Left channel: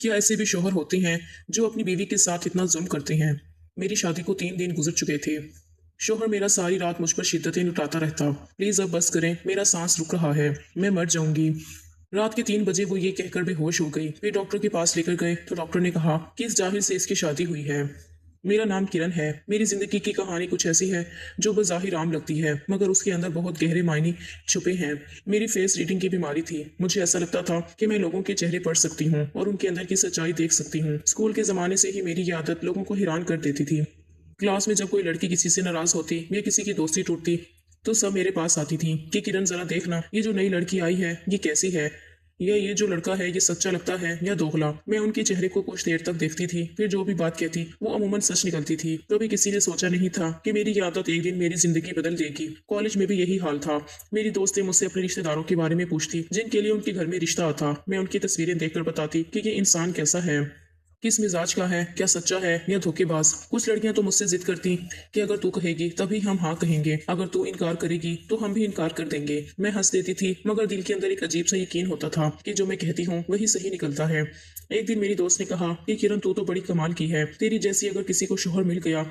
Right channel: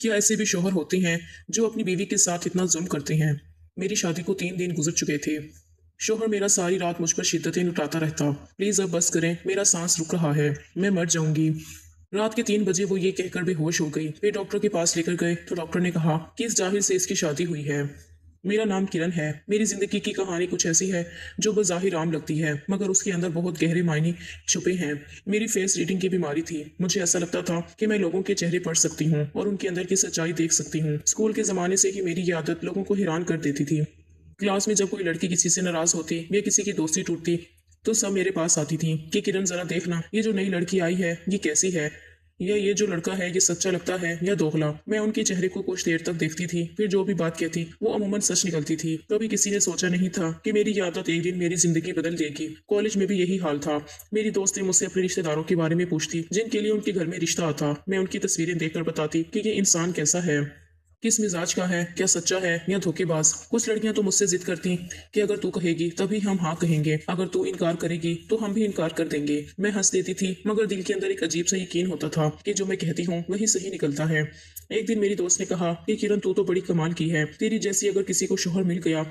क्या ऐसे भी शौहर होते हैं जो अपनी बीवी के साथ इतना जुल्म करते हैं? मेरी शादी को 3 दिन गुजर चुके थे। शौहर मेरा सारी रात मुझ पर शिद्दतें लुटाता रहता। प्लीज अब बस करें, मेरा सांस रुक रहा है, मैं मर जाऊंगी। रात के 3 बजे वो ये कहकर बेहोश हो गई। फिर डॉक्टर के पास लेकर गए तो डॉक्टर ने कहा कि इस जाहिल से इसकी शादी हुई है। मेरा नाम किरण है। मेरी जिंदगी की कहानी कुछ ऐसी है जो बज़ाहिर आम लगती है, मगर उसके अंदर बहुत गहरे मायने छुपे हैं। मेरी फेस रीडिंग की बीमारी थी। मुझे ऐसा लगता था कि मैं लोगों के चेहरे पढ़ सकती हूँ और उनके अंदर की सच्चाई देख सकती हूँ। स्कूल के जमाने से ही मेरी ये आदत लोगों को हैरान कर देती थी। क्लास में जब कोई लड़की किसी से नाराज होती या किसी की दोस्ती टूटती तो सब मेरे पास आती थी कि किरण जरा देखना, ये जो नई लड़की आई है ये कैसी है, या ये जो लड़का है ये सच्चा लगता है या दोगला। मैं उनके चेहरे को कुछ देर तक देखती थी, फिर जो भी बात कहती वो अमूमन सच निकलती थी। कभी किसी ने सोचा नहीं था कि मेरी ये आदत एक दिन मेरी जिंदगी बदल देगी। कॉलेज में भी यही हाल था। मेरी दोस्तें मुझसे अपने रिश्तेदारों के बारे में पूछती जिनके लिए उनके घर में रिश्ता आता। मैं उनकी तस्वीरें देखकर बताती कि ये इंसान कैसा है, किस मिजाज का है, क्या सच्चा है या धोखेबाज। कुछ लड़कियां तो मुझसे जिद करती कि अगर तू कहेगी तभी हम हाँ कहेंगे, अगर तू इनकार करेगी तो हम भी इनकार कर देंगे। मैं हंस देती थी, मगर दिल के अंदर एक अजीब सा यकीन होता था कि जो मैं कहती हूँ वही सही निकलता है। एक दिन मेरी दोस्त ने कहा कि किरण तू तो बड़ी कमाल की है, तेरी जैसी अगर किसी को शोहर मिल गया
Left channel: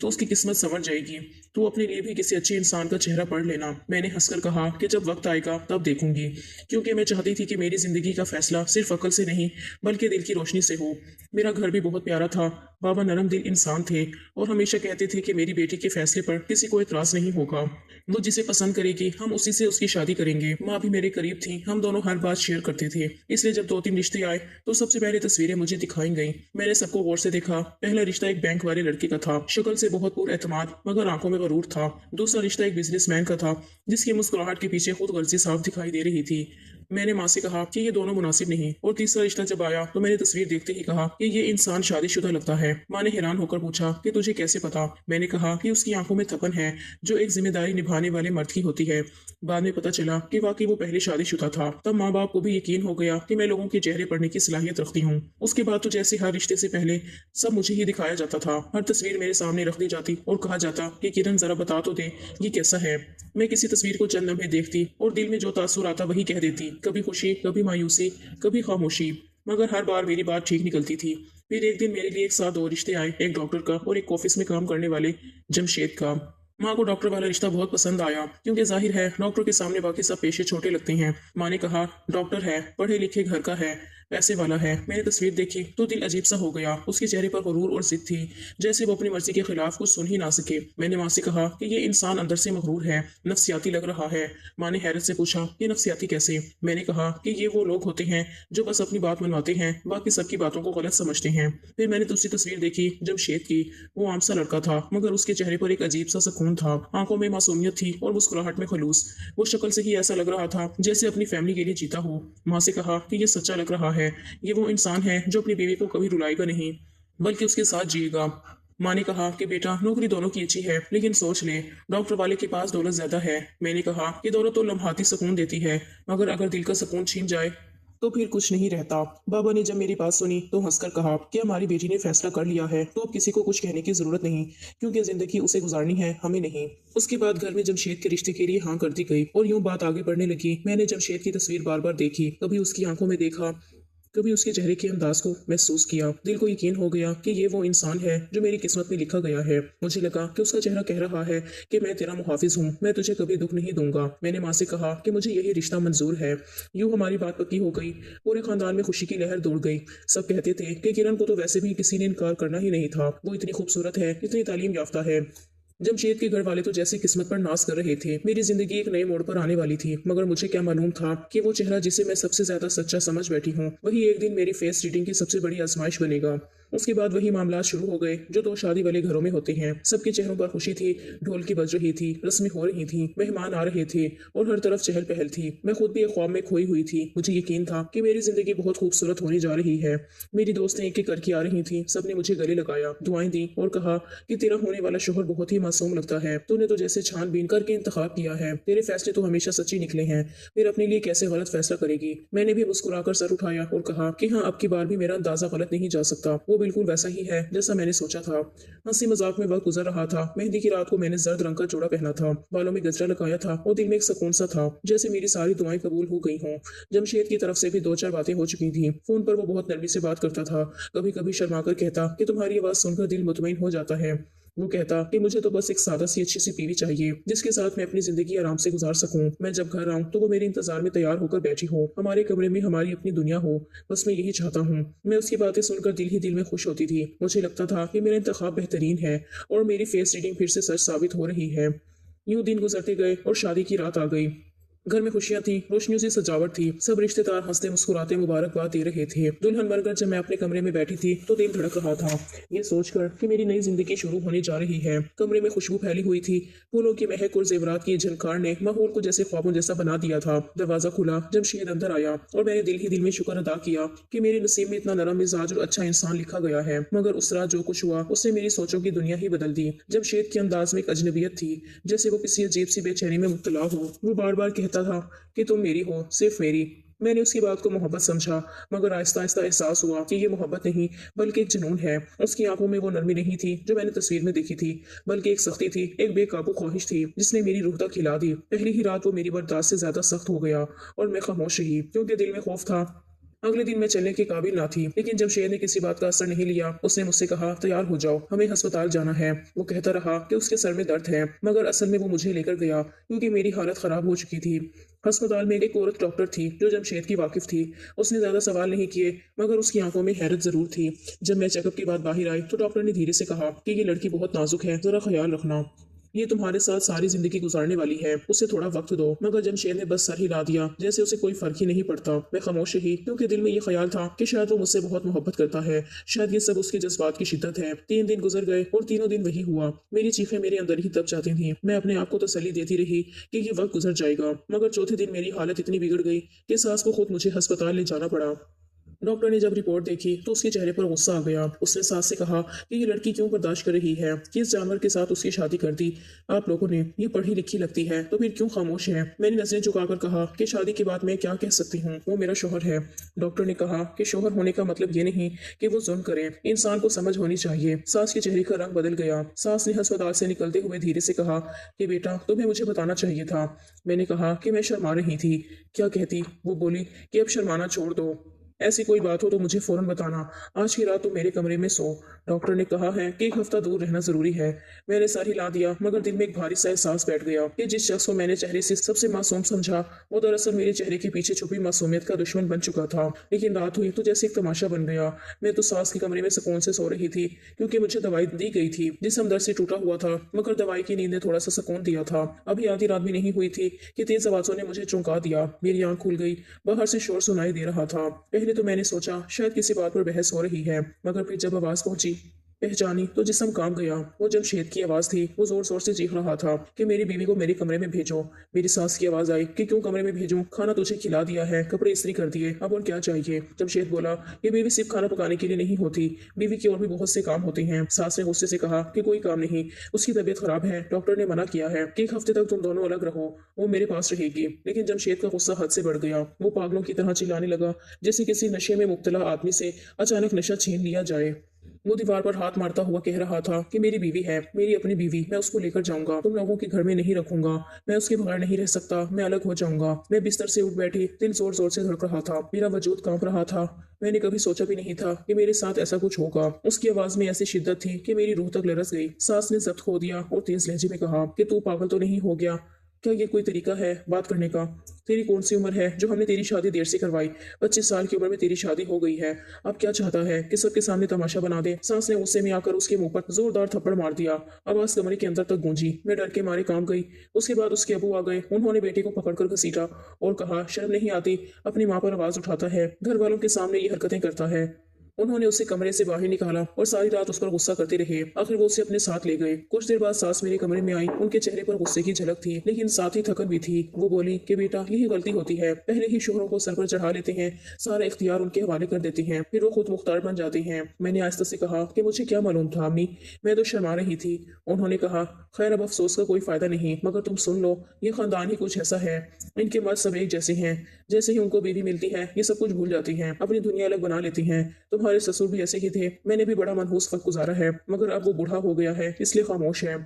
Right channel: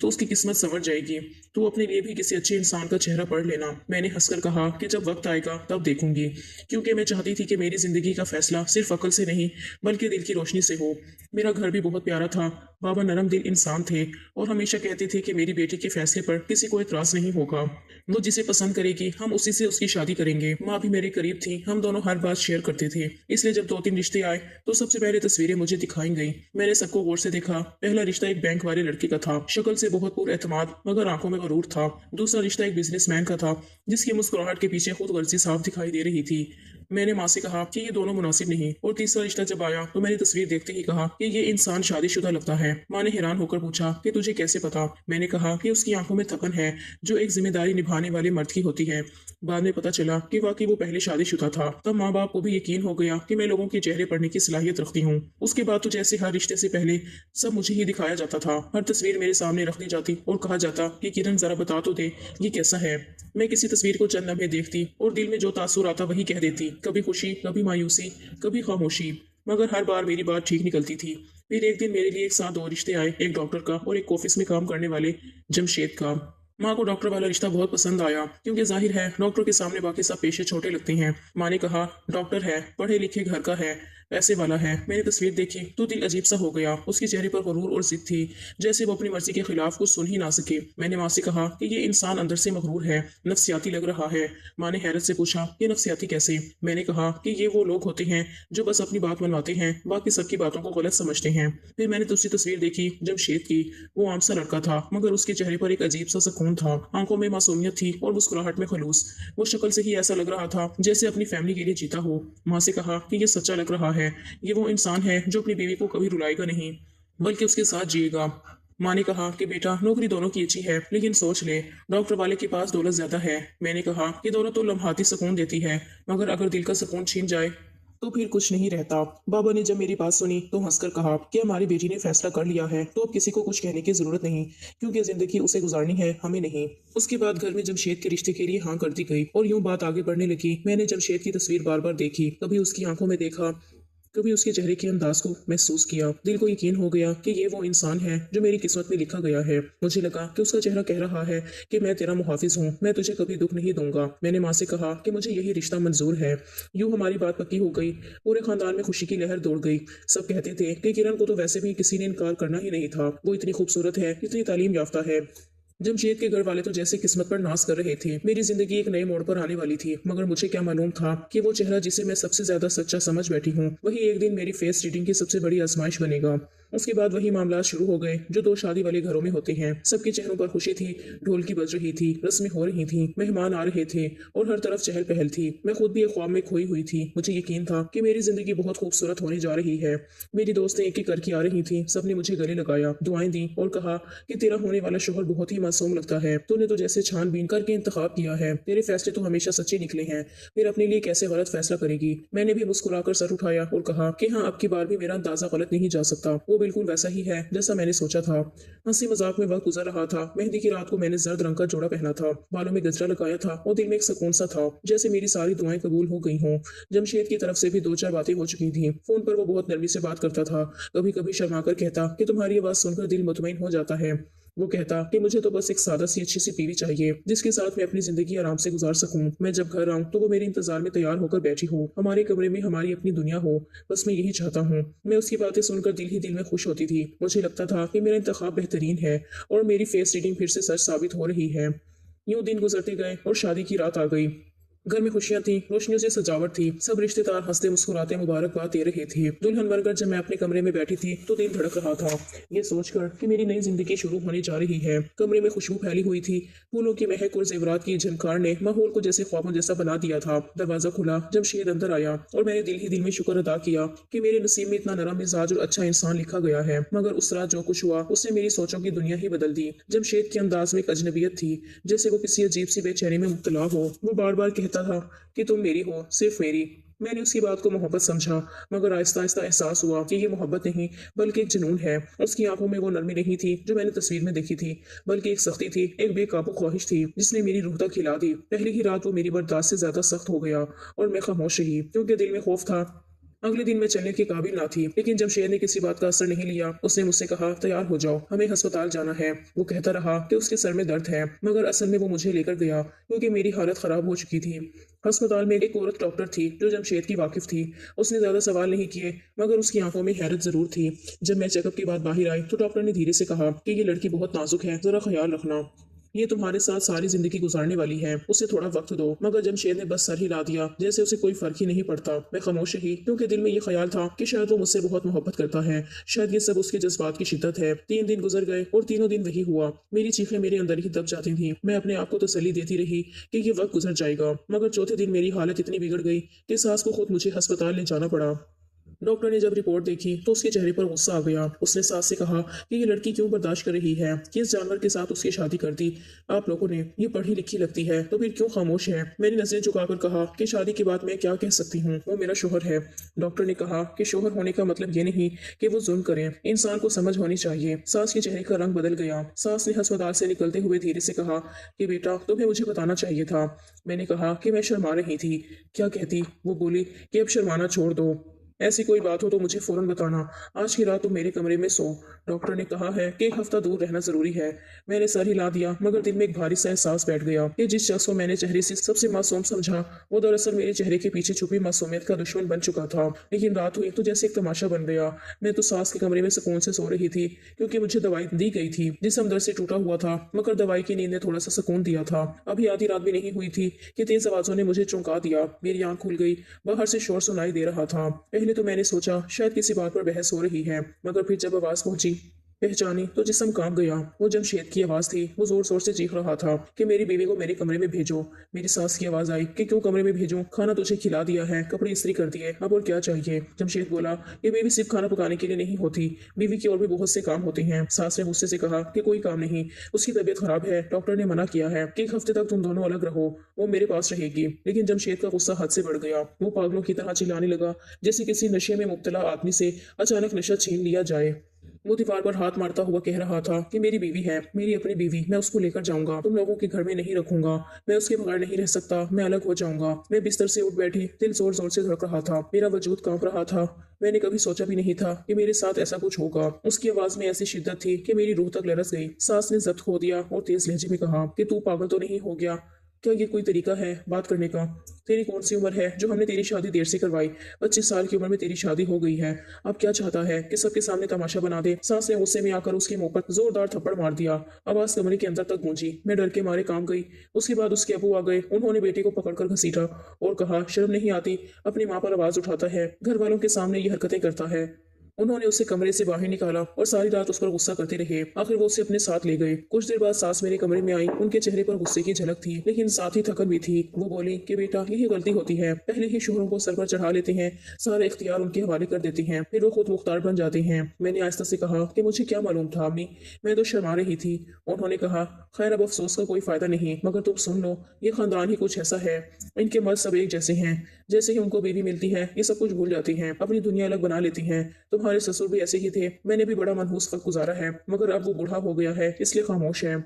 तो उसकी किस्मत संवर जाएगी। तू अपने लिए भी किसी अच्छे इंसान का चेहरा पढ़ लेना। मैंने हंसकर कहा कि जब वक्त आएगा तब देखूंगी, क्योंकि मैं चाहती थी कि मेरी जिंदगी का फैसला सिर्फ अकल से नहीं बल्कि दिल की रोशनी से हो। मेरा घर भी बहुत प्यारा था। बाबा नरम दिल इंसान थे और हमेशा कहते थे कि मेरी बेटी के फैसले पर किसी को एतराज नहीं होगा। वो जिसे पसंद करेगी हम उसी से उसकी शादी करेंगे। माँ भी मेरे करीब थी, हम दोनों हर बात शेयर करते थे। इसलिए जब 2-3 रिश्ते आए तो सबसे पहले तस्वीरें मुझे दिखाई गई। मैंने सबको गौर से देखा। पहला रिश्ता एक बैंक वाले लड़के का था, शक्ल से बहुत पुरएतमाद मगर आंखों में गरूर था। दूसरा रिश्ता एक बिजनेसमैन का था जिसकी मुस्कुराहट के पीछे खुद गर्जी साफ दिखाई दे रही थी। मैंने माँ से कहा कि ये दोनों मुनासिब नहीं। और तीसरा रिश्ता जब आया तो मैंने तस्वीर देखते ही कहा कि ये इंसान शादीशुदा लगता है। माँ ने हैरान होकर पूछा कि तुझे कैसे पता। मैंने कहा कि उसकी आंखों में थकन है जो एक जिम्मेदारी निभाने वाले मर्द की होती है। बाद में पता चला कि वाकई वो पहले शादीशुदा था। तब माँ बाप को भी यकीन हो गया कि मैं लोगों के चेहरे पढ़ने की सलाहियत रखती हूँ। उसके बाद तो जैसे हर रिश्ते से पहले सब मुझे ही दिखाया जाता था। हर तस्वीर मेरे सामने रख दी जाती और कहा जाता कि किरण जरा बता तो दे ये कैसा है। मैं किसी तस्वीर को चंद लम्हे देखती और दिल में जो तासुर आता वही कह देती, कभी खुशी, कभी मायूसी, कभी खामोशी, मगर हर बार मेरी बात ठीक निकलती थी। फिर एक दिन मेरे लिए एक साथ 2 रिश्ते आए, एक डॉक्टर का और एक ऑफिस में काम करने वाले जमशेद का। माँ को डॉक्टर वाला रिश्ता बहुत पसंद आया, क्योंकि जाहिर है डॉक्टर के सामने बाकी सब पेशे छोटे लगते हैं। माँ ने कहा डॉक्टर है, पढ़े लिखे घर का है, पैसे वाला है। मैंने तस्वीर देखी तो दिल अजीब सा हो गया। उसके चेहरे पर गुरूर और जिद थी, जैसे वो अपनी मर्जी के खिलाफ कुछ सुन ही ना सके। मैंने माँ से कहा कि ये इंसान अंदर से मगरूर है, नफ्सियाती लग रहा है। माँ ने हैरत से पूछा कि नफ्सियाती कैसे। मैंने कहा कि ये वो लोग होते हैं जो बस अपनी बात मनवाते हैं, बाकी सबकी बातों को गलत समझते हैं। फिर मैंने दूसरी तस्वीर देखी जमशेद की। वो आम सा लड़का था, मगर उसके चेहरे पर एक अजीब सा सुकून था। आंखों में मासूमियत थी और मुस्कुराहट में खलूस। वो शक्ल से ही ऐसा लग रहा था जैसे अपनी फैमिली के लिए जीता हो। माँ से कहा कि ये सच्चा लग रहा है, ये वो इंसान है जो अपनी बीवी को कभी रुलाएगा नहीं बल्कि उसके साथ जिएगा। माँ ने कहा कि बेटा नौकरी दोनों की अच्छी है, लेकिन सोच ले डॉक्टर वाले के पास दौलत ज्यादा है। मैंने कहा कि दौलत तो लम्हाती सुकून देती है, मगर अगर दिल का सुकून छीन जाए तो फिर कुछ नहीं रहता। बाबा ने जब मेरी बात सुनी तो हंसकर कहा कि हमारी बेटी ने फैसला कर लिया है तो अब किसी को कुछ कहने की जरूरत नहीं, क्योंकि जिंदगी उसे गुजारनी है, हमें नहीं। उसके बाद घर में जमशेद के रिश्ते के लिए हाँ कर दी गई और यूं बात आगे बढ़ने लगी। मैंने जमशेद की तस्वीर बार बार देखी, कभी उसकी आंखों में देखा, कभी उसके चेहरे के अंदाज को महसूस किया। दिल को यकीन हो गया कि ये वो इंसान है जो मेरी किस्मत में लिखा गया है। मुझे लगा कि उसका चेहरा कह रहा है कि मैं तेरा मुहाफिज हूँ, मैं तुझे कभी दुख नहीं दूंगा। मैंने माँ से कहा कि मुझे यही रिश्ता मंजूर है। यूं हमारी बात पक्की हो गई। पूरे खानदान में खुशी की लहर दौड़ गई। सब कहते थे कि किरण को तो वैसे भी किसी ने इनकार करना ही नहीं था, वो इतनी खूबसूरत है, इतनी तालीम याफ्ता है। जमशेद के घर वाले तो जैसे किस्मत पर नाज कर रहे थे। मेरी जिंदगी एक नए मोड़ पर आने वाली थी, मगर मुझे क्या मालूम था कि वो चेहरा जिसे मैं सबसे ज्यादा सच्चा समझ बैठी हूँ वही एक दिन मेरी फेस रीडिंग की सबसे बड़ी आजमाइश बनेगा। उसके बाद वही मामला शुरू हो गए जो 2 शादी वाले घरों में होते हैं। सबके चेहरों पर खुशी थी, ढोल की बज रही थी, रस्में हो रही थी, मेहमान आ रहे थे और हर तरफ चहल पहल थी। मैं खुद भी एक ख्वाब में खोई हुई थी। मुझे यकीन था कि मेरी जिंदगी बहुत खूबसूरत होने जा रही है। मेरी दोस्तें एक एक करके आ रही थी, सबने मुझे गले लगाया, दुआएं दी और कहा कि तेरा होने वाला शोहर बहुत ही मासूम लगता है, तूने तो जैसे छानबीन करके इंतखाब किया है, तेरे फैसले तो हमेशा सच्चे निकले हैं, फिर अपने लिए कैसे गलत फैसला करेगी। मैंने भी मुस्कुराकर सर उठाया और कहा कि हाँ, अब की बार भी मेरा अंदाजा गलत नहीं जा सकता। वो बिल्कुल वैसा ही है जैसा मैंने सोचा था। हंसी मजाक में वक्त गुजर रहा था। मेहंदी की रात को मैंने जर्द रंग का जोड़ा पहना था, बालों में गजरा लगाया था और दिल में एक सुकून सा था, जैसे मेरी सारी दुआएं कबूल हो गई हों। जमशेद की तरफ से भी दो चार बातें हो चुकी थी। फोन पर वो बहुत नरमी से बात करता था। कभी कभी शर्मा कर कहता कि तुम्हारी आवाज सुनकर दिल मुतमईन हो जाता है। वो कहता कि मुझे तो बस एक सादा सी अच्छी सी बीवी चाहिए जिसके साथ मैं अपनी जिंदगी आराम से गुजार सकूं। मैं जब घर आऊं तो वो मेरे इंतजार में तैयार होकर बैठी हो, हमारे कमरे में हमारी अपनी दुनिया हो। बस मैं यही चाहता हूँ। मैं उसकी बातें सुनकर दिल ही दिल में खुश होती थी। मुझे लगता था कि मेरा इंतखाब बेहतरीन है और मेरी फेस रीडिंग फिर से सच साबित हो रही है। यूं दिन गुजरते गए और शादी की रात आ गई। घर में खुशियां थी, रोशनियों से सजावट थी। सब रिश्तेदार हंसते मुस्कुराते मुबारकबाद दे रहे थे। दुल्हन बनकर जब मैं अपने कमरे में बैठी थी तो दिल धड़क रहा था, ये सोचकर कि मेरी नई जिंदगी शुरू होने जा रही है। कमरे में खुशबू फैली हुई थी। फूलों की महक और जेवरात की झनकार ने माहौल को जैसे ख्वाबों जैसा बना दिया था। दरवाजा खुला, जमशेद अंदर आया और मैंने दिल ही दिल में शुक्र अदा किया कि मेरे नसीब में इतना नरम मिजाज और अच्छा इंसान लिखा गया है। मगर उस रात जो कुछ हुआ उसने मेरी सोचों की दुनिया ही बदल दी। जमशेद के अंदाज में एक अजनबियत थी, जैसे वो किसी अजीब सी बेचैनी में मुब्तला हो। वो बार बार कहता था कि तुम मेरी हो, सिर्फ मेरी। मैंने उसकी बात को मोहब्बत समझा, मगर आहिस्ता आहिस्ता एहसास हुआ कि ये मोहब्बत नहीं बल्कि एक जुनून है। उसकी आंखों में वो नरमी नहीं थी जो मैंने तस्वीर में देखी थी, बल्कि एक सख्ती थी, एक बेकाबू ख्वाहिश थी जिसने मेरी रूह तक हिला दी। पहली ही रात वो मेरी बर्दाश्त से ज्यादा सख्त हो गया और मैं खामोश रही, क्योंकि दिल में खौफ था। अगले दिन मैं चलने की काबिल ना थी, लेकिन जमशेद ने किसी बात का असर नहीं लिया। उसने मुझसे कहा, तैयार हो जाओ, हमें अस्पताल जाना है। वो कहता रहा कि उसके सर में दर्द है, मगर असल में वो मुझे लेकर गया क्योंकि मेरी हालत खराब हो चुकी थी। अस्पताल में एक औरत डॉक्टर थी जो जमशेद की वाकिफ थी। उसने ज्यादा सवाल नहीं किए, मगर उसकी आंखों में हैरत जरूर थी। जब मैं चेकअप के बाद बाहर आई तो डॉक्टर ने धीरे से कहा कि ये लड़की बहुत नाजुक है, जरा ख्याल रखना। ये तुम्हारे साथ सारी जिंदगी गुजारने वाली है, उसे थोड़ा वक्त दो। मगर जमशेद ने बस सर हिला दिया, जैसे उसे कोई फर्क ही नहीं पड़ता। मैं खामोश रही क्योंकि दिल में ये ख्याल था कि शायद वो मुझसे बहुत मोहब्बत करता है, शायद ये सब उसके जज्बात की शिद्दत है। 3 दिन गुजर गए और तीनों दिन वही हुआ। मेरी चीखें मेरे अंदर ही दब जाती थी। मैं अपने आप को तसल्ली देती रही कि ये वक्त गुजर जाएगा, मगर चौथे दिन मेरी हालत इतनी बिगड़ गई कि सास को खुद मुझे अस्पताल ले जाना पड़ा। डॉक्टर ने जब रिपोर्ट देखी तो उसके चेहरे पर गुस्सा आ गया। उसने सास से कहा कि ये लड़की क्यों बर्दाश्त कर रही है, किस जानवर के साथ उसकी शादी कर दी। आप लोगों ने, ये पढ़ी लिखी लगती है तो फिर क्यों खामोश है। मैंने नजरें झुकाकर कहा कि शादी की बात मैं क्या कह सकती हूँ, वो मेरा शोहर है। डॉक्टर ने कहा कि शोहर होने का मतलब ये नहीं कि वो जुल्म करे, इंसान को समझ होनी चाहिए। सास के चेहरे का रंग बदल गया। सास ने अस्पताल से निकलते हुए धीरे से कहा कि बेटा, तुम्हें मुझे बताना चाहिए था। मैंने कहा कि मैं शर्मा रही थी। क्या कहती? वो बोली कि अब शर्माना छोड़ दो, ऐसी कोई बात हो तो मुझे फौरन बताना। आज की रात तुम मेरे कमरे में सो। डॉक्टर ने कहा है कि एक हफ्ता दूर रहना जरूरी है। मैंने सर हिला दिया, मगर दिल में एक भारी सा एहसास बैठ गया कि जिस शख्स को मैंने चेहरे से सबसे मासूम समझा, वो दरअसल मेरे चेहरे के पीछे छुपी मासूमियत का दुश्मन बन चुका था। लेकिन रात हुई तो जैसे एक तमाशा बन गया। मैं तो सास के कमरे में सुकून से सो रही थी क्योंकि मुझे दवाई दी गई थी। जिस्म दर्द से टूटा हुआ था, मगर दवाई की नींद ने थोड़ा सा सुकून दिया था। अभी आधी रात भी नहीं हुई थी कि तेज आवाजों ने मुझे चौंका दिया। मेरी आंख खुल गई। बाहर से शोर सुनाई दे रहा था। पहले तो मैंने सोचा शायद किसी बात पर बहस हो रही है, मगर फिर जब आवाज पहुंची, पहचानी, तो जिस्म कांप गया। वो जमशेद की आवाज थी। वो जोर शोर से चीख रहा था कि मेरी बीवी को मेरे कमरे में भेजो। मेरी सास की आवाज आई कि क्यों कमरे में भेजूं, खाना तुझे खिला दिया है, कपड़े इस्त्री कर दिए, अब और क्या चाहिए। जमशेद बोला, ये बीवी सिर्फ खाना पकाने के लिए नहीं होती, बीवी की और भी बहुत से काम होते हैं। सास ने गुस्से से कहा कि कोई काम नहीं, उसकी तबीयत खराब है, डॉक्टर ने मना किया है कि 1 हफ्ते तक तुम दोनों अलग रहो, वो मेरे पास रहेगी। लेकिन जमशेद का गुस्सा हद से बढ़ गया। वो पागलों की तरह चिल्लाने लगा, जैसे किसी नशे में मुब्तला आदमी से अचानक नशा छीन लिया जाए। वो दीवार पर हाथ मारता हुआ कह रहा था कि मेरी बीवी है, मेरी अपनी बीवी, मैं उसको लेकर जाऊंगा, तुम लोगों के घर में नहीं रखूंगा, मैं उसके बगैर नहीं रह सकता, मैं अलग हो जाऊंगा। मैं बिस्तर से उठ बैठी, दिल जोर जोर से धड़क रहा था, मेरा वजूद कांप रहा था। मैंने कभी सोचा भी नहीं था कि मेरे साथ ऐसा कुछ होगा। उसकी आवाज में ऐसी शिद्दत थी कि मेरी रूह तक लरस गई। सास ने जब्त खो दिया और तेज लहजे में कहा कि तू पागल तो नहीं हो गया? क्या ये कोई तरीका है बात करने का? तेरी कौन सी उम्र है जो हमने तेरी शादी देर से करवाई? 25 साल की उम्र में तेरी शादी हो गई है। अब क्या चाहता है कि सबके सामने तमाशा बना दे? सास ने गुस्से में आकर उसके मुंह पर जोरदार थप्पड़ मार दिया। आवाज कमरे के अंदर तक गूंजी। मैं डर के मारे कांप गई। उसके बाद उसके अबू आ गए। उन्होंने बेटे को पकड़कर घसीटा और कहा, शर्म नहीं आती? अपनी माँ पर आवाज उठाता है, घर वालों के सामने ये हरकतें करता है। उन्होंने उसे कमरे से बाहर निकाला और सारी रात उस पर गुस्सा करते रहे। आखिर वो उसे अपने साथ ले गए। कुछ देर बाद सास मेरे कमरे में आई। उनके चेहरे पर गुस्से की झलक थी, लेकिन साथ ही थकन भी थी। वो बोली कि बेटा, यही गलती होती है, पहले ही शोहरों को सर पर चढ़ा लेते हैं, सारे इख्तियार उनके हवाले कर देते हैं, फिर वो खुद मुख्तार बन जाते हैं। मैंने आहिस्ता से कहा कि मुझे क्या मालूम था अम्मी, मैं तो शर्मा रही थी। उन्होंने कहा, खैर अब अफसोस का कोई फायदा नहीं, मगर तुम सुन लो, ये खानदान ही कुछ ऐसा है, इनके मर्द सब एक जैसे हैं। जैसे ही उनको बीवी मिलती है ये सब कुछ भूल जाती हैं, अपनी दुनिया अलग बना लेती हैं। तुम्हारे ससुर भी ऐसे ही थे, मैंने भी बड़ा मनहूस वक्त गुजारा है, मगर अब वो बूढ़ा हो गया है इसलिए खामोश है।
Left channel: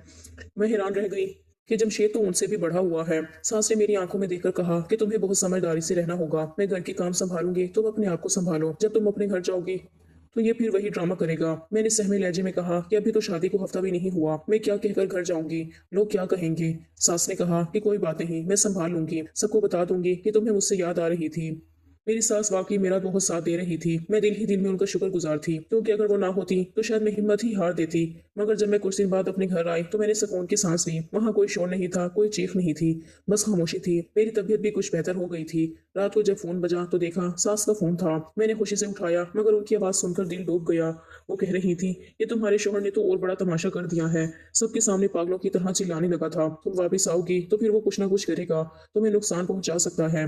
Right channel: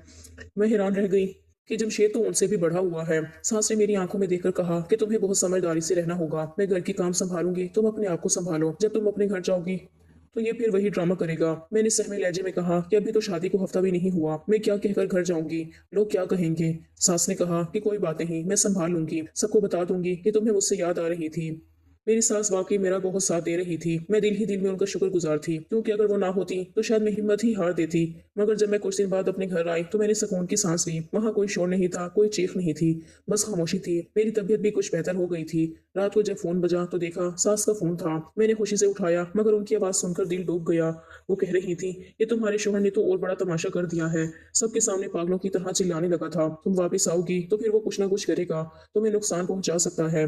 मैं हैरान रह गई कि जमशेद तो उनसे भी बढ़ा हुआ है। सास ने मेरी आंखों में देखकर कहा कि तुम्हें बहुत समझदारी से रहना होगा, मैं घर की काम संभालूंगी, तुम अपने आप को संभालो। जब तुम अपने घर जाओगी तो ये फिर वही ड्रामा करेगा। मैंने सहमे लहजे में कहा कि अभी तो शादी को हफ्ता भी नहीं हुआ, मैं क्या कहकर घर जाऊंगी, लोग क्या कहेंगे। सास ने कहा कि कोई बात नहीं, मैं संभाल लूंगी, सबको बता दूंगी कि तुम्हें मुझसे याद आ रही थी। मेरी सास वाकई मेरा बहुत साथ दे रही थी। मैं दिल ही दिल में उनका शुक्रगुजार थी, क्योंकि अगर वो ना होती तो शायद मैं हिम्मत ही हार देती। मगर जब मैं कुछ दिन बाद अपने घर आई तो मैंने सुकून की सांस ली। वहाँ कोई शोर नहीं था, कोई चीख नहीं थी, बस खामोशी थी। मेरी तबीयत भी कुछ बेहतर हो गई थी। रात को जब फोन बजा तो देखा सास का फोन था। मैंने खुशी से उठाया, मगर उनकी आवाज सुनकर दिल डूब गया। वो कह रही थी कि तुम्हारे शोहर ने तो और बड़ा तमाशा कर दिया है, सबके सामने पागलों की तरह चिल्लाने लगा था। तुम वापस आओगी तो फिर वो कुछ ना कुछ करेगा, तुम्हें नुकसान पहुंचा सकता है।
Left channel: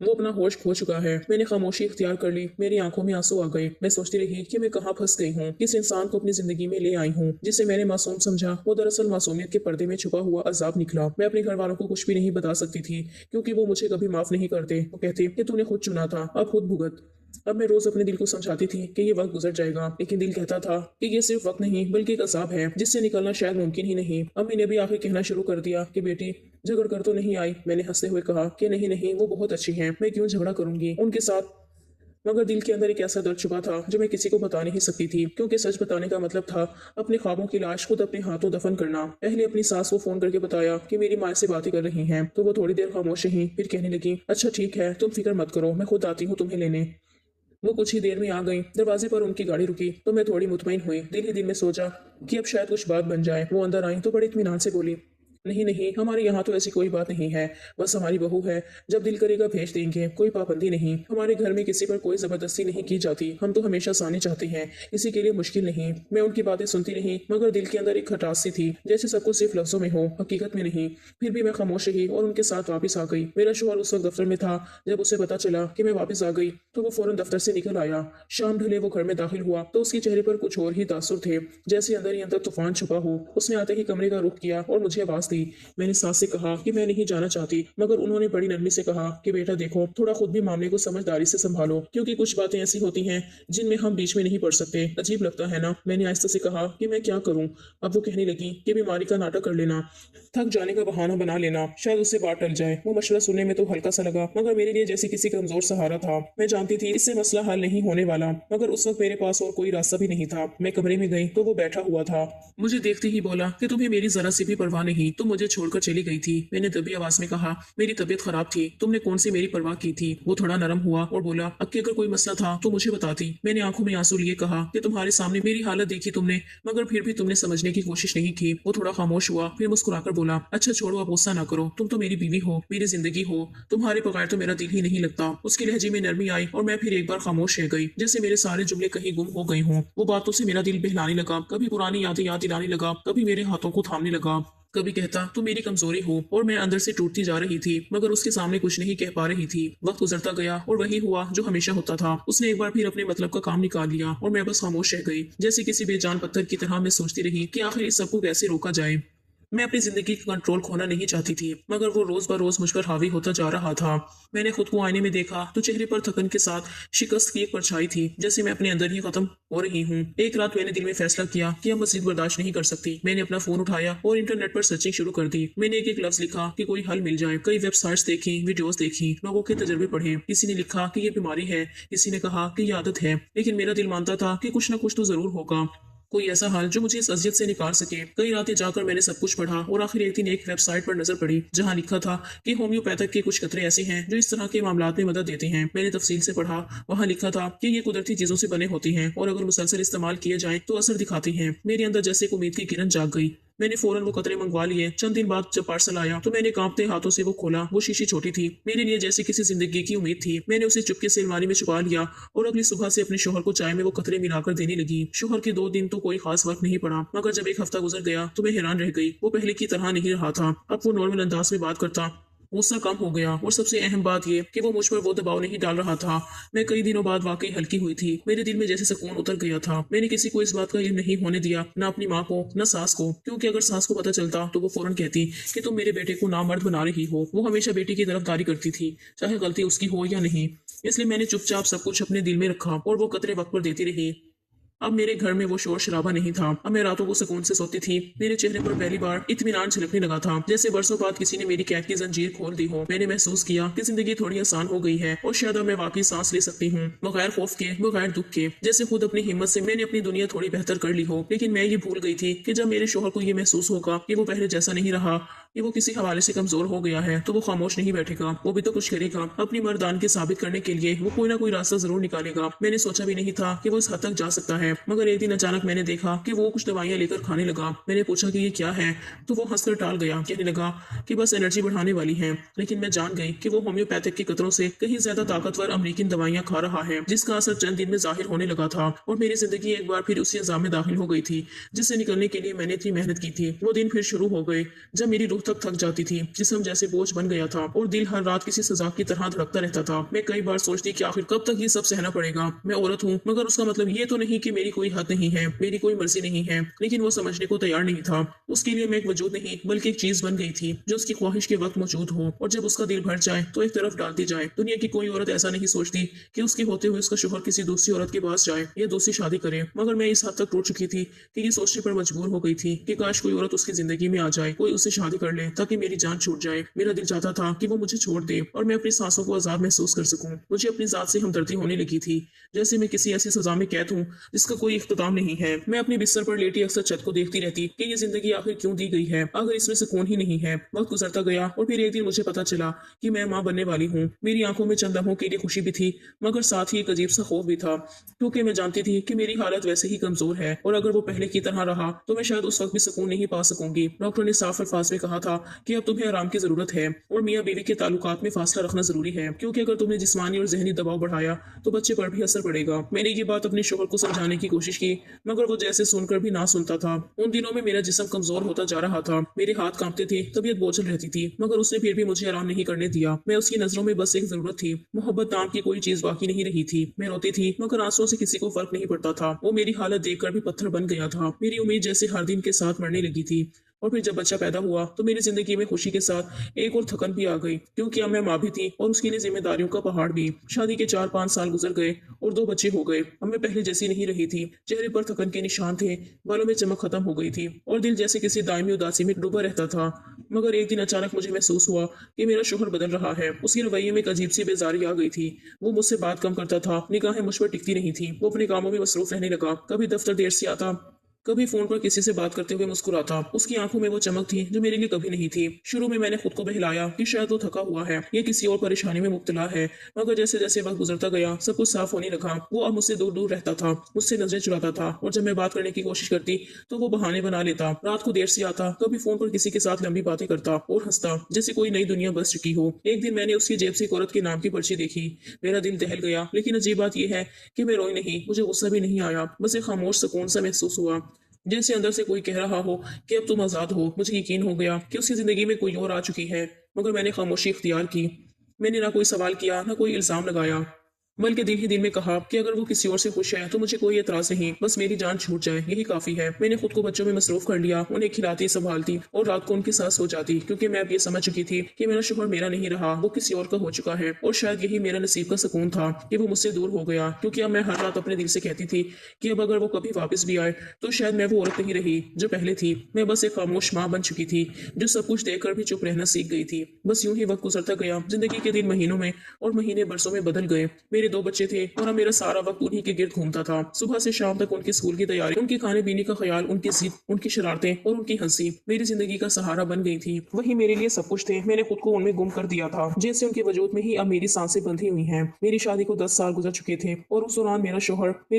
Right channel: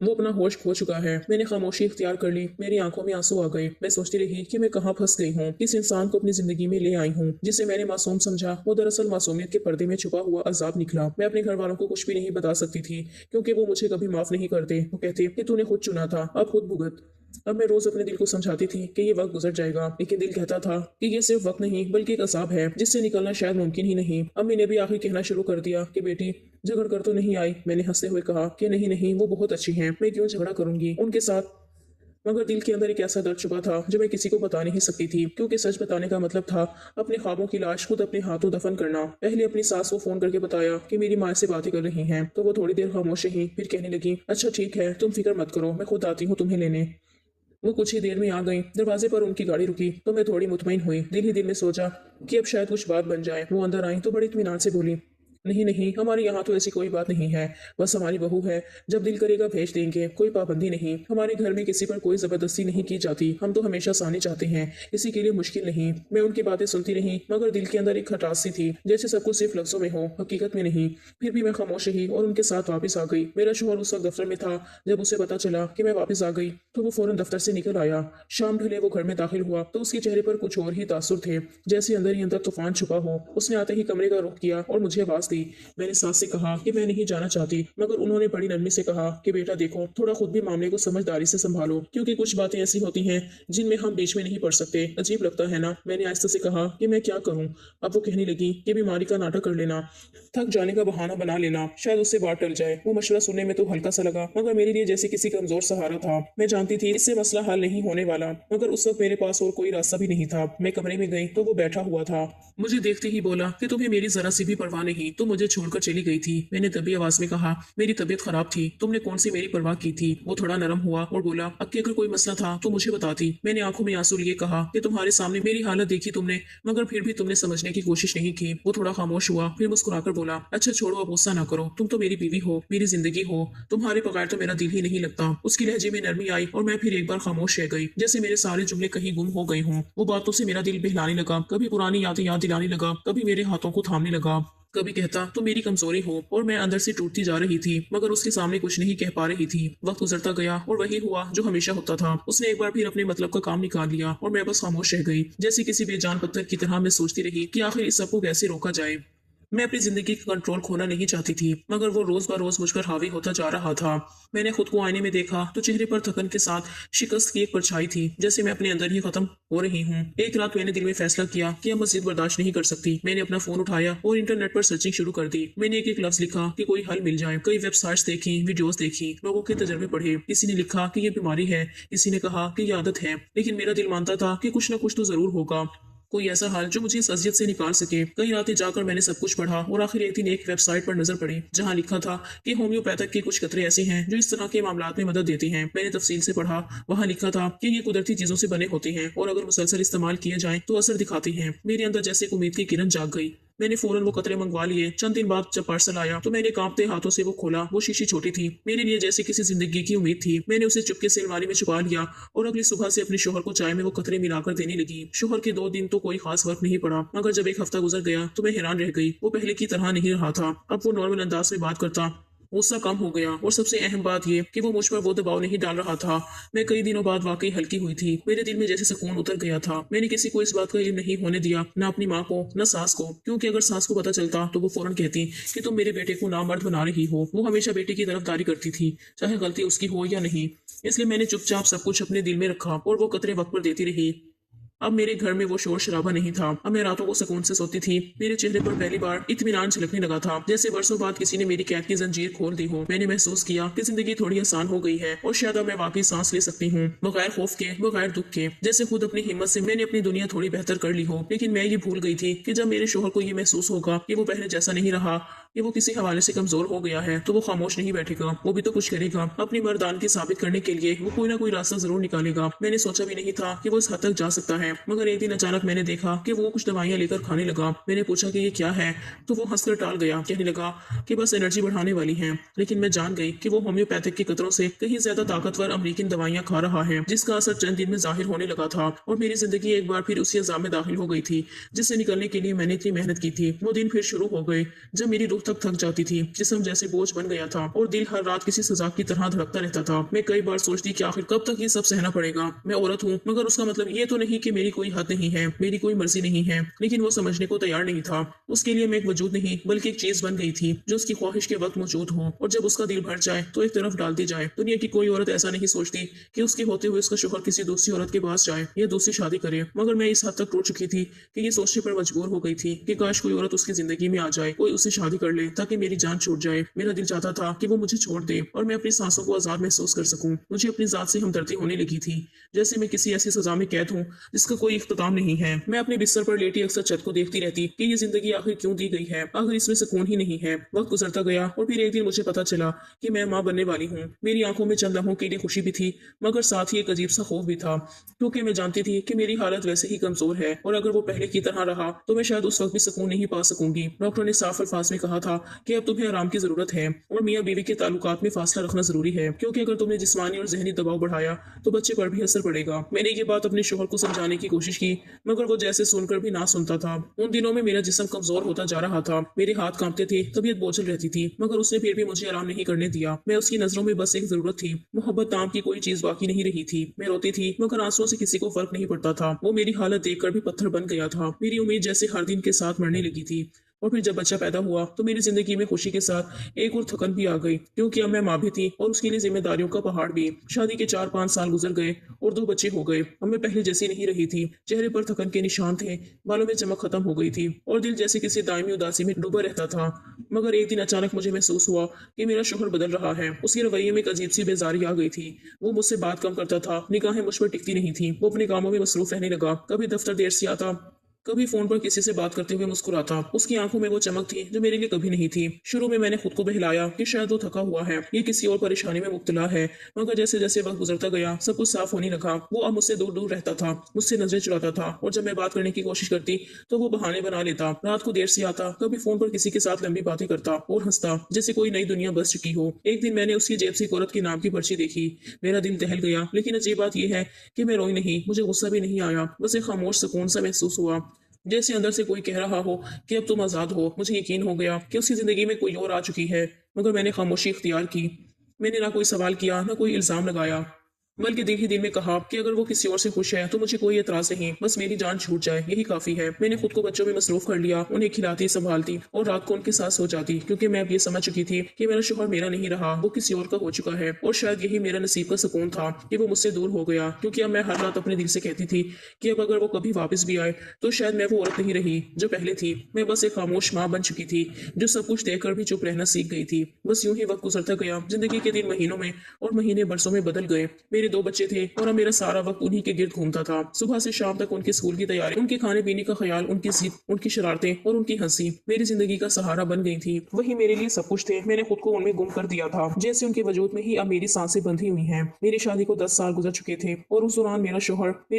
वो अपना होश खो चुका है। मैंने खामोशी इख्तियार कर ली। मेरी आंखों में आंसू आ गए। मैं सोचती रही कि मैं कहाँ फंस गई हूँ, किस इंसान को अपनी जिंदगी में ले आई हूँ जिसे मैंने मासूम समझा। वो दरअसल मासूमियत के पर्दे में छुपा हुआ अजाब निकला। मैं अपने घर वालों को कुछ भी नहीं बता सकती थी, क्योंकि वो मुझे कभी माफ नहीं करते। वो कहते कि तूने खुद चुना था, अब खुद भुगत। अब मैं रोज अपने दिल को समझाती थी कि ये वक्त गुजर जाएगा, लेकिन दिल कहता था कि ये सिर्फ वक्त नहीं बल्कि एक अजाब है जिससे निकलना शायद मुमकिन ही नहीं। अम्मी ने भी आखिर कहना शुरू कर दिया कि बेटी झगड़ कर तो नहीं आई। मैंने हंसते हुए कहा कि नहीं नहीं, वो बहुत अच्छी हैं, मैं क्यों झगड़ा करूंगी उनके साथ। मगर दिल के अंदर एक ऐसा दर्द छुपा था जो मैं किसी को बता नहीं सकती थी, क्योंकि सच बताने का मतलब था अपने ख्वाबों की लाश खुद अपने हाथों दफन करना। पहले अपनी सास को फोन करके बताया कि मेरी माँ से बातें कर रही हैं, तो वो थोड़ी देर खामोश रही, फिर कहने लगी अच्छा ठीक है, तुम फिक्र मत करो, मैं खुद आती हूँ तुम्हें लेने। वो कुछ ही देर में आ गई। दरवाजे पर उनकी गाड़ी रुकी तो मैं थोड़ी मुतमईन हुई। दिल ही दिल में सोचा कि अब शायद कुछ बात बन जाए। वो अंदर आई तो बड़े इत्मीनान से बोली, नहीं नहीं, हमारे यहाँ तो ऐसी कोई बात नहीं है, बस हमारी बहू है, जब दिल करेगा भेज देंगे, कोई पाबंदी नहीं। हमारे घर में किसी पर कोई जबरदस्ती नहीं की जाती, हम तो हमेशा सानी चाहते हैं, किसी के लिए मुश्किल नहीं। मैं उनकी बातें सुनती रही, मगर दिल के अंदर एक खटास सी थी, जैसे सब कुछ सिर्फ लफ्जों में हो, हकीकत में नहीं। फिर भी मैं खामोश रही और उनके साथ वापस आ गई। मेरा शोहर उस वक्त दफ्तर में था। जब उसे पता चला कि मैं वापस आ गई तो वो फौरन दफ्तर से निकल आया। शाम ढले वो घर में दाखिल हुआ तो उसके चेहरे पर कुछ और ही तासुर थे, जैसे अंदर ही अंदर तूफान छुपा हो। उसने आते ही कमरे का रुख किया और मुझे आवाज दी। मैंने सास से कहा कि मैं नहीं जाना चाहती, मगर उन्होंने बड़ी नरमी से कहा कि बेटा देखो, थोड़ा खुद भी मामले को समझदारी से संभालो, क्योंकि कुछ बातें ऐसी होती हैं जिनमें हम बीच में नहीं पड़ सकते। अजीब लगता है ना। मैंने आहिस्ता से कहा कि मैं क्या करूं। अब वो कहने लगी कि बीमारी का नाटक कर लेना, थक जाने का बहाना बना लेना, शायद उससे बात टल जाए। वो मशवरा सुनने में तो हल्का सा लगा, मगर मेरे लिए जैसे किसी कमजोर सहारा था। मैं जानती थी इससे मसला हल नहीं होने वाला, मगर उस वक्त मेरे पास और कोई रास्ता भी नहीं था। मैं कमरे में गई तो वो बैठा हुआ था। मुझे देखते ही बोला कि तुम्हें मेरी जरा सी भी परवाह नहीं, तुम मुझे छोड़कर चली गई थी। मैंने दबी आवाज में कहा मेरी तबीयत खराब थी, तुमने कौन सी मेरी परवाह की थी। वो थोड़ा नरम हुआ और बोला अक्के अगर कोई मसला था तो मुझे बताती। मैंने आंखों में आंसू लिए कहा कि तुम्हारे सामने मेरी हालत देखी तुमने, मगर फिर भी तुमने समझने की कोशिश नहीं की। वो थोड़ा खामोश हुआ, फिर मुस्कुराकर बोला अच्छा छोड़ो, अब गुस्सा ना करो, तुम तो मेरी बीवी हो, मेरी जिंदगी हो, तुम्हारे बगैर तो मेरा दिल ही नहीं लगता। उसके लहजे में नरमी आई और मैं फिर एक बार खामोश रह गई, जैसे मेरे सारे जुमले कहीं गुम हो गए हों। वो बातों से मेरा दिल बहलाने लगा, कभी पुरानी यादें याद दिलाने लगा, कभी मेरे हाथों को थामने लगा, कभी कहता तुम मेरी कमजोरी हो। और मैं अंदर से टूटती जा रही थी, मगर उसके सामने कुछ नहीं कह पा रही थी। वक्त गुजरता गया और वही हुआ जो हमेशा होता था। उसने एक बार फिर अपने मतलब का काम निकाल लिया और मैं बस खामोश रह गई, जैसे किसी बेजान पत्थर की तरह। मैं सोचती रही कि आखिर इस सबको कैसे रोका जाए। मैं अपनी जिंदगी का कंट्रोल खोना नहीं चाहती थी, मगर वो रोज ब रोज मुझ पर हावी होता जा रहा था। मैंने खुद को आईने में देखा तो चेहरे पर थकन के साथ शिकस्त की एक परछाई थी, जैसे मैं अपने अंदर ही खत्म हो रही हूँ। एक रात मैंने दिल में फैसला किया कि अब मजीद बर्दाश्त नहीं कर सकती। मैंने अपना फोन उठाया और इंटरनेट पर सर्चिंग शुरू कर दी। मैंने एक एक लफ्ज लिखा कि कोई हल मिल जाए। कई वेबसाइट्स देखी, वीडियोस देखी, लोगों के तजर्बे पढ़े। किसी ने लिखा कि ये बीमारी है, किसी ने कहा कि ये आदत है, लेकिन मेरा दिल मानता था कि कुछ न कुछ तो जरूर होगा, कोई ऐसा हाल जो मुझे इस अजियत से निकाल सके। कई रातें जाकर मैंने सब कुछ पढ़ा और आखिर एक दिन एक वेबसाइट पर नजर पड़ी जहां लिखा था कि होम्योपैथिक के कुछ कतरे ऐसे हैं जो इस तरह के मामलात में मदद देते हैं। मैंने तफसील से पढ़ा। वहां लिखा था कि ये कुदरती चीजों से बने होते हैं और अगर मुसलसल इस्तेमाल किए जाएं तो असर दिखाते हैं। मेरे अंदर जैसे एक उम्मीद की किरण जाग गई। मैंने फौरन वो कतरे मंगवा लिए। चंद दिन बाद जब पार्सल आया तो मैंने कांपते हाथों से वो खोला। वो शीशी छोटी थी, मेरे लिए जैसे किसी जिंदगी की उम्मीद थी। मैंने उसे चुपके से अलमारी में छुपा लिया और अगली सुबह से अपने शोहर को चाय में वो कतरे मिलाकर देने लगी। शोहर के 2 दिन तो कोई खास वक्त नहीं पड़ा, मगर जब एक हफ्ता गुजर गया तो मैं हैरान रह गई। वो पहले की तरह नहीं रहा था। अब वो नॉर्मल अंदाज में बात करता, गुस्सा कम हो गया और सबसे अहम बात ये कि वो मुझ पर वो दबाव नहीं डाल रहा था। मैं कई दिनों बाद वाकई हल्की हुई थी। मेरे दिल में जैसे सुकून उतर गया था। मैंने किसी को इस बात का इल्म नहीं होने दिया, ना अपनी माँ को, ना सास को, क्योंकि अगर सास को पता चलता तो वो फौरन कहती कि तुम मेरे बेटे को नामर्द बना रही हो। वो हमेशा बेटे की तरफदारी करती थी, चाहे गलती उसकी हो या नहीं। इसलिए मैंने चुपचाप सब कुछ अपने दिल में रखा और वो कतरे वक्त पर देती रही। अब मेरे घर में वो शोर शराबा नहीं था। अब मैं रातों को सुकून से सोती थी। मेरे चेहरे पर पहली बार इत्मीनान झलकने लगा था, जैसे वर्षों बाद किसी ने मेरी कैद की जंजीर खोल दी हो। मैंने महसूस किया कि जिंदगी थोड़ी आसान हो गई है और शायद अब मैं वाकई सांस ले सकती हूँ, बगैर खौफ के, बगैर दुख के। जैसे खुद अपनी हिम्मत से मैंने अपनी दुनिया थोड़ी बेहतर कर ली हो। लेकिन मैं ये भूल गई थी कि जब मेरे शोहर को ये महसूस होगा कि वो पहले जैसा नहीं रहा, कि वो किसी हवाले से कमजोर हो गया है, तो वो खामोश नहीं बैठेगा। वो भी तो कुछ करेगा। अपनी मर्दानगी साबित करने के लिए वो कोई ना कोई रास्ता जरूर निकालेगा। मैंने सोचा भी नहीं था कि वो इस हद तक जा सकता है, मगर एक दिन अचानक मैंने देखा कि वो कुछ दवाइयां लेकर खाने लगा। मैंने पूछा कि ये क्या है, तो वो हंसकर टाल गया, कहने लगा कि बस एनर्जी बढ़ाने वाली है। लेकिन मैं जान गई कि वो होम्योपैथिक की कतरों से कहीं ज्यादा ताकतवर अमेरिकन दवाइयां खा रहा है, जिसका असर चंद दिन में जाहिर होने लगा था। और मेरी जिंदगी एक बार फिर उसी अजाम में दाखिल हो गई थी जिससे निकलने के लिए मैंने इतनी मेहनत की थी। वो दिन फिर शुरू हो गए जब मेरी रूह तक थक जाती थी, जिस्म जैसे बोझ बन गया था और दिल हर रात किसी सजा की तरह धड़कता रहता था। मैं कई बार सोचती कि आखिर कब तक ये सब सहना पड़ेगा। मैं औरत हूँ, मगर उसका मतलब ये तो नहीं कि मेरी कोई हद नहीं है, मेरी कोई मर्जी नहीं है। लेकिन वो समझने को तैयार नहीं था। उसके लिए मैं एक वजूद नहीं बल्कि एक चीज बन गई थी जो उसकी ख्वाहिश के वक्त मौजूद हो, और जब उसका दिल भर जाए तो एक तरफ डाल दी जाए। दुनिया की कोई औरत ऐसा नहीं सोचती कि उसके होते हुए उसका शोहर किसी दूसरी औरत के पास जाए या दूसरी शादी करे, मगर मैं इस हद तक टूट चुकी थी कि ये सोचने पर मजबूर हो गई थी कि काश कोई औरत उसकी जिंदगी में आ जाए, कोई उससे शादी कर ले ताकि मेरी जान छूट जाए। मेरा दिल चाहता था कि वो मुझे छोड़ दे और मैं अपनी सांसों को आजाद महसूस कर सकूं। मुझे अपनी जात से हमदर्दी होने लगी थी, जैसे मैं किसी ऐसी सजा में कैद हूं जिसका कोई इख्तिताम नहीं है। मैं अपने बिस्तर पर लेटी अक्सर छत को देखती रहती कि ये जिंदगी आखिर क्यों दी गई है, अगर इसमें सुकून ही नहीं है। वक्त गुजरता गया और फिर एक दिन मुझे पता चला कि मैं माँ बनने वाली हूँ। मेरी आंखों में चंद लम्हों के लिए खुशी भी थी, मगर साथ ही एक अजीब सा खौफ भी था, क्योंकि मैं जानती थी कि मेरी हालत वैसे ही कमजोर है और अगर वो पहले की तरह रहा तो मैं शायद उस वक्त भी सुकून नहीं पा सकूंगी। डॉक्टर ने साफ अल्फाज में कहा था कि अब तुम्हें आराम की जरूरत है और मियाँ बीवी के ताल्लुकात में फासला रखना जरूरी है, क्योंकि अगर तुमने जिस्मानी और जहनी दबाव बढ़ाया तो बच्चे पर भी असर पड़ेगा। मैंने ये बात अपने शोहर को समझाने की कोशिश की, मगर वो जैसे सुनकर भी ना सुनता था। उन दिनों में मेरा जिस्म कमजोर होता जा रहा था, मेरे हाथ कांपते थे, तबीयत बोझल रहती थी, मगर उसने फिर भी मुझे आराम नहीं करने दिया। मैं उसकी नजरों में बस एक जरूरत थी, मोहब्बत नाम की कोई चीज बाकी नहीं रही थी। मैं रोती थी, मगर आंसुओं से किसी को फर्क नहीं पड़ता था। वो मेरी हालत देखकर भी पत्थर बन गया था। मेरी उम्मीद जैसे हर दिन के साथ मरने लगी थी। और फिर जब बच्चा पैदा हुआ तो मेरी जिंदगी में खुशी के साथ एक और थकन भी आ गई, क्योंकि अब मैं माँ भी थी और उसके लिए जिम्मेदारियों का पहाड़ भी। शादी के 4-5 साल गुजर गए और 2 बच्चे हो गए। अब मैं पहले जैसी नहीं रही थी, चेहरे पर थकन के निशान थे, बालों में चमक खत्म हो गई थी और दिल जैसे किसी दायमी उदासी में डूबा रहता था। मगर एक दिन अचानक मुझे महसूस हुआ कि मेरा शोहर बदल रहा है। उसके रवैये में एक अजीब सी बेजारी आ गई थी। वो मुझसे बात कम करता था, निगाहें मुझ पर टिकती नहीं थी। वो अपने कामों में मसरूफ रहने लगा, कभी दफ्तर देर से आता, कभी फोन पर किसी से बात करते हुए मुस्कुराता। उसकी आंखों में वो चमक थी जो मेरे लिए कभी नहीं थी। शुरू में मैंने खुद को बहलाया कि शायद वो थका हुआ है, ये किसी और परेशानी में मुब्तला है, मगर जैसे जैसे वक्त गुजरता गया सब कुछ साफ होने लगा। वो अब मुझसे दूर दूर रहता था, मुझसे नजरें चुराता था, और जब मैं बात करने की कोशिश करती तो वो बहाने बना लेता। रात को देर से आता, कभी फोन पर किसी के साथ लंबी बातें करता और हंसता जैसे कोई नई दुनिया बस चुकी हो। एक दिन मैंने उसकी जेब से एक औरत के नाम की पर्ची देखी। मेरा दिल दहल गया, लेकिन अजीब बात यह है कि मैं रोई नहीं, मुझे गुस्सा भी नहीं आया, बस एक खामोश सुकून सा महसूस हुआ, जैसे अंदर से कोई कह रहा हो कि अब तुम आजाद हो। मुझे यकीन हो गया कि उसकी जिंदगी में कोई और आ चुकी है, मगर मैंने खामोशी इख्तियार की। मैंने ना कोई सवाल किया, ना कोई इल्जाम लगाया, बल्कि दिल ही दिल में कहा कि अगर वो किसी और से खुश है तो मुझे कोई एतराज नहीं, बस मेरी जान छूट जाए यही काफी है। मैंने खुद को बच्चों में मसरूफ कर लिया, उन्हें खिलाती संभालती और रात को उनके साथ सो जाती, क्योंकि मैं अब ये समझ चुकी थी कि मेरा शोहर मेरा नहीं रहा, वो किसी और का हो चुका है। और शायद यही मेरा नसीब का सुकून था कि वो मुझसे दूर हो गया, क्योंकि अब मैं हर रात अपने दिल से कहती थी कि अब अगर वो कभी वापस भी आए तो शायद मैं वो औरत नहीं रही जो पहले थी। मैं बस एक खामोश माँ बन चुकी थी जो सब कुछ देखकर भी चुप रहना सीख गई थी। बस यूं ही वक्त गुजरता गया। जिंदगी के दिन महीनों में और महीने बरसों में बदल गए। मेरे 2 बच्चे थे और अब मेरा सारा वक्त उन्हीं के गिर्द घूमता था। सुबह से शाम तक उनके स्कूल की तैयारी, उनके खाने पीने का ख्याल, उनकी जिद, उनकी शरारतें और उनकी हंसी मेरी जिंदगी का सहारा बन गई थी। वही मेरे लिए सब कुछ थे। मैंने खुद को उनमें गुम कर दिया था, जैसे उनके वजूद में ही अब मेरी सांसें बंधी हुई हैं। मेरी शादी को 10 साल गुजर चुके थे और उस दौरान मेरे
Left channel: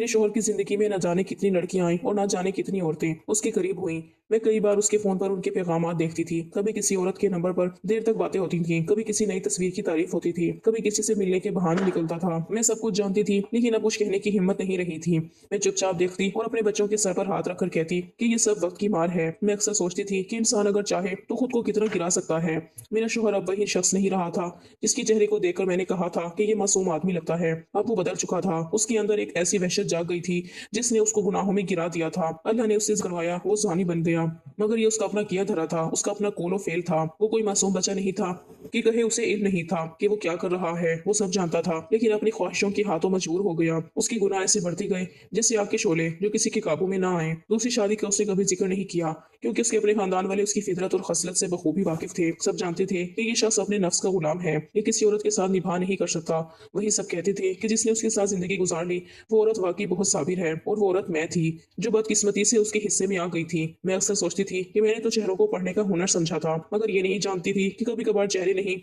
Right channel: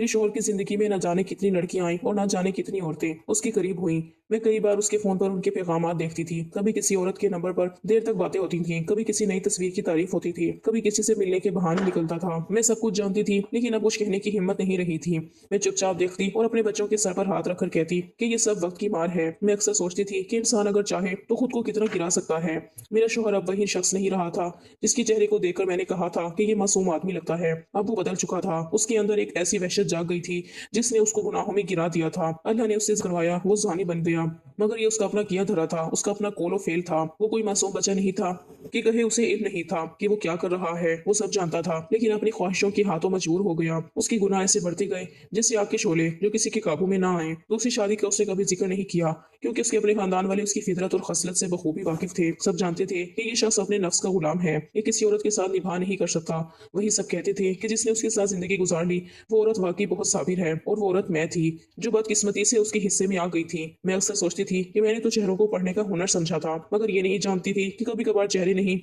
शोहर की जिंदगी में न जाने कितनी लड़कियां आई और न जाने कितनी औरतें उसके करीब हुई। मैं कई बार उसके फोन पर उनके पैगामात देखती थी। कभी किसी औरत के नंबर पर देर तक बातें होती थी, कभी किसी नई तस्वीर की तारीफ होती थी, कभी किसी से मिलने के बहाने निकलता था। मैं सब कुछ जानती थी, लेकिन अब कुछ कहने की हिम्मत नहीं रही थी। मैं चुपचाप देखती और अपने बच्चों के सर पर हाथ रखकर कहती कि ये सब वक्त की मार है। मैं अक्सर सोचती थी कि इंसान अगर चाहे तो खुद को कितना गिरा सकता है। मेरा शौहर अब वही शख्स नहीं रहा था जिसके चेहरे को देखकर मैंने कहा था कि ये मासूम आदमी लगता है। अब वो बदल चुका था। उसके अंदर एक ऐसी वहशत जाग गई थी जिसने उसको गुनाहों में गिरा दिया था। अल्लाह ने उससे करवाया, वो जानी बन गया। मगर ये उसका अपना किया धरा था, उसका अपना कोलो फेल था। वो कोई मासूम बच्चा नहीं था कि कहे उसे इल्म नहीं था कि वो क्या कर रहा है। वो सब जानता था, लेकिन अपनी ख्वाहिशों के हाथों मजबूर हो गया। उसके गुनाह ऐसे बढ़ते गए जैसे आग के शोले जो किसी के काबू में ना आए। दूसरी शादी का उसने कभी जिक्र नहीं किया, क्योंकि उसके अपने खानदान वाले उसकी फितरत और खसलत से बखूबी वाकिफ थे। सब जानते थे कि ये शख्स अपने नफ्स का गुलाम है, ये किसी औरत के साथ निभा नहीं कर सकता। वही सब कहते थे कि जिसने उसके साथ जिंदगी गुजार ली वो औरत वाकई बहुत साबिर है, और वो औरत मैं थी जो बदकिस्मती से उसके हिस्से में आ गई थी। मैं अक्सर सोचती थी कि मैंने तो चेहरों को पढ़ने का हुनर समझा था, मगर ये नहीं जानती थी कि कभी कभार चेहरे नहीं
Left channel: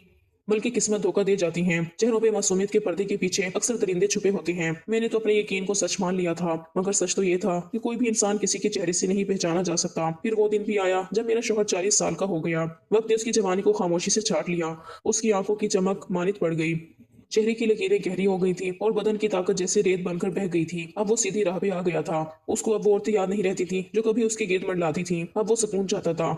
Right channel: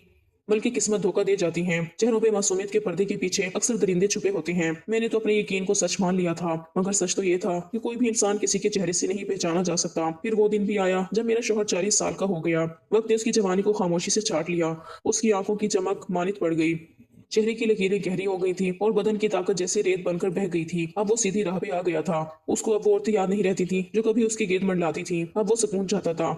बल्कि किस्मत धोखा दे जाती है। चेहरों पे मासूमियत के पर्दे के पीछे अक्सर दरिंदे छुपे होते हैं। मैंने तो अपने यकीन को सच मान लिया था, मगर सच तो ये था कि कोई भी इंसान किसी के चेहरे से नहीं पहचाना जा सकता। फिर वो दिन भी आया जब मेरा शौहर 40 साल का हो गया। वक्त ने उसकी जवानी को खामोशी से छाट लिया। उसकी आंखों की चमक मानित पड़ गई, चेहरे की लकीरें गहरी हो गई थी और बदन की ताकत जैसे रेत बनकर बह गई थी। अब वो सीधी राह पे आ गया था। उसको अब वो औरतें याद नहीं रहती थी जो कभी उसकी गिरद मंडलाती थी। अब वो सुकून चाहता था।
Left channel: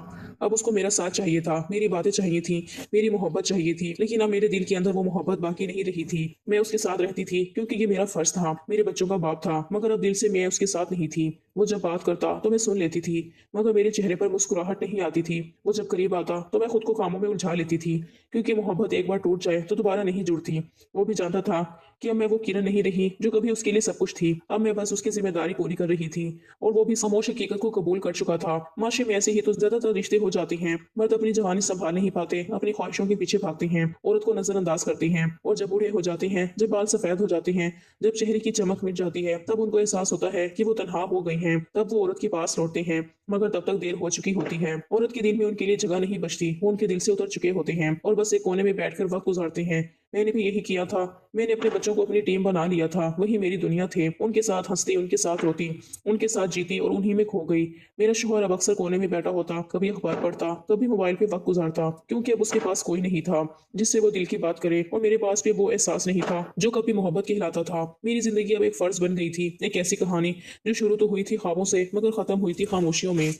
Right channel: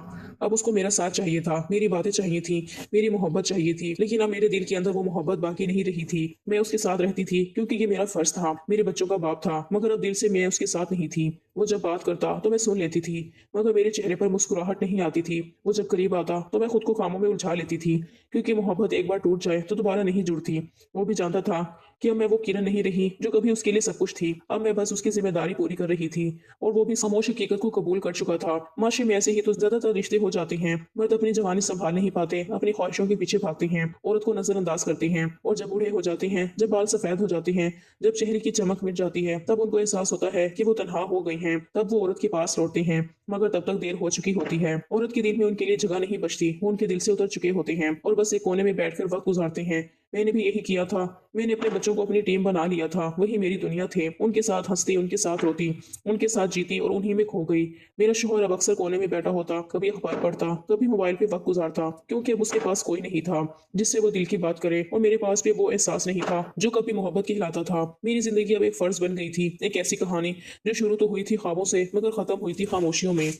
अब उसको मेरा साथ चाहिए था, मेरी बातें चाहिए थी, मेरी मोहब्बत चाहिए थी। लेकिन अब मेरे दिल के अंदर वो मोहब्बत बाकी नहीं रही थी। मैं उसके साथ रहती थी क्योंकि ये मेरा फर्ज था, मेरे बच्चों का बाप था, मगर अब दिल से मैं उसके साथ नहीं थी। वो जब बात करता तो मैं सुन लेती थी, मगर मेरे चेहरे पर मुस्कुराहट नहीं आती थी। वो जब करीब आता तो मैं खुद को कामों में उलझा लेती थी, क्योंकि मोहब्बत एक बार टूट जाए तो दोबारा नहीं जुड़ती। वो भी जानता था कि अब मैं वो किरण नहीं रही जो कभी उसके लिए सब कुछ थी। अब मैं बस उसकी जिम्मेदारी पूरी कर रही थी, और वो भी खामोश हकीकत को कबूल कर चुका था। माशरे में ऐसे ही तो ज्यादातर रिश्ते हो जाते हैं। मर्द अपनी जवानी संभाल नहीं पाते, अपनी ख्वाहिशों के पीछे भागते हैं, औरत को नजरअंदाज करते हैं, और जब बूढ़े हो जाते हैं, जब बाल सफेद हो जाते हैं, जब चेहरे की चमक मिट जाती है, तब उनको एहसास होता है कि वो तनहा हो गई हैं। तब वो औरत के पास लौटते हैं, मगर तब तक देर हो चुकी होती है। औरत के दिल में उनके लिए जगह नहीं बचती, वो उनके दिल से उतर चुके होते हैं और बस एक कोने में बैठकर वक्त गुजारते हैं। मैंने भी यही किया था। मैंने अपने बच्चों को अपनी टीम बना लिया था। वही मेरी दुनिया थे। उनके साथ हंसती, उनके साथ रोती, उनके साथ जीती और उन्हीं में खो गई। मेरा शौहर अब अक्सर कोने में बैठा होता, कभी अखबार पढ़ता, कभी मोबाइल पे वक्त गुजारता, क्योंकि अब उसके पास कोई नहीं था जिससे वो दिल की बात करे, और मेरे पास भी वो एहसास नहीं था जो कभी मोहब्बत कहलाता था। मेरी जिंदगी अब एक फर्ज बन गई थी, एक ऐसी कहानी जो शुरू तो हुई थी ख्वाबों से, मगर खत्म हुई थी खामोशियों में।